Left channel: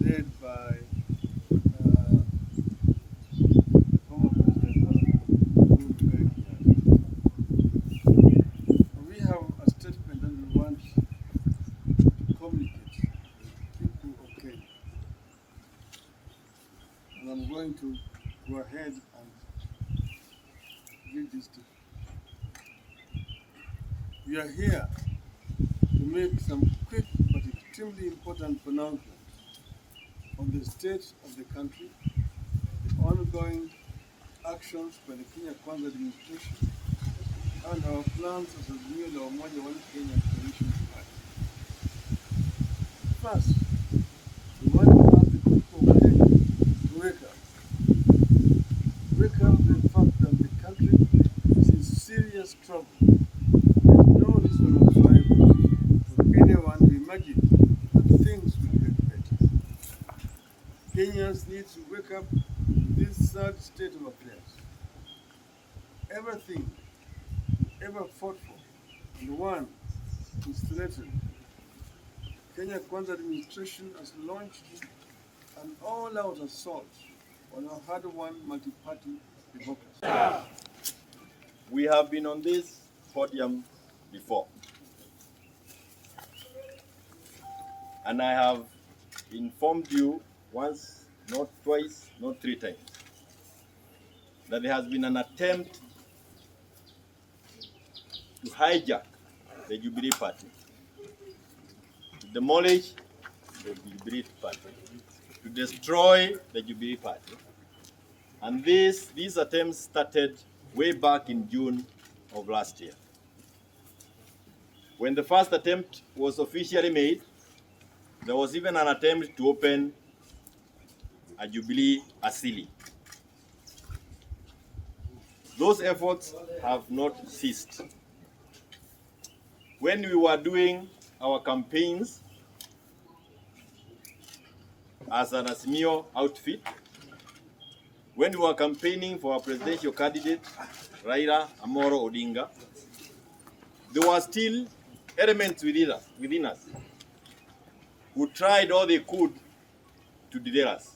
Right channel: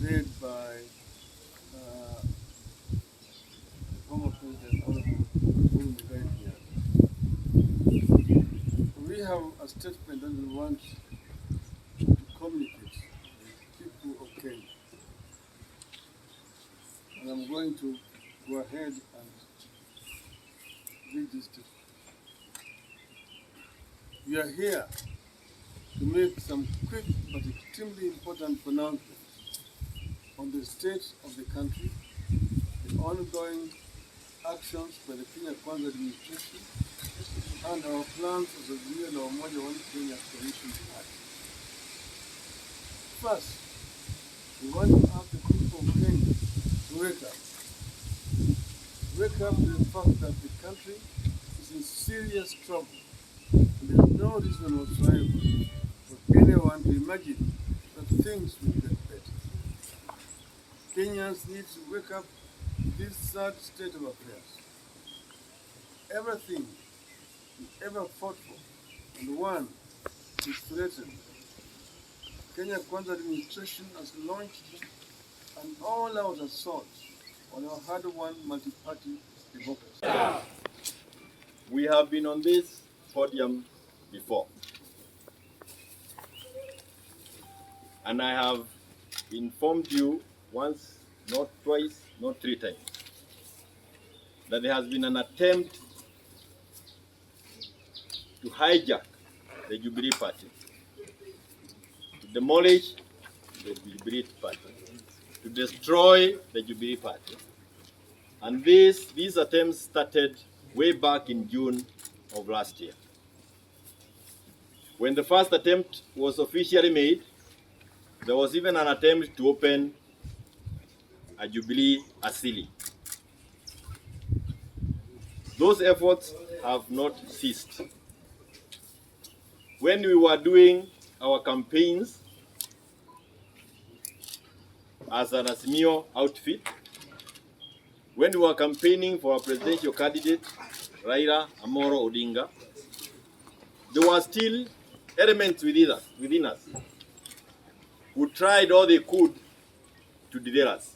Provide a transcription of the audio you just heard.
led by the former President we have a statement that we want to communicate to the people of Kenya. And I'm going to go ahead and read this statement. We are here to make some quick but extremely important pronouncements on the state of the country, the ongoing actions by the Kenya Kwanza administration, and our plans as a Jubilee or One Kenya coalition party. First, we want to have the people of Kenya to wake up. Wake up to the fact that the country is in serious trouble. There's no reason whatsoever for anyone to imagine that things will get better. Kenyans need to wake up to this sad state of affairs. Everything ever fought for and won is threatened. Kenya Kwanza administration has launched an all-out assault on our hard-won multi-party democracy. We have been on this podium before, and I have informed you once, not twice, not three times, that there has been an attempt to hijack the Jubilee party, to demolish the Jubilee party, to destroy the Jubilee party. And these attempts started way back in June of last year. When the first attempt was officially made, there was even an attempt to open a Jubilee asili. Those efforts have not ceased. When we were doing our campaigns as an Azimio outfit, when we were campaigning for our presidential candidate, Raila Odinga, there were still elements within us who tried all they could to derail us.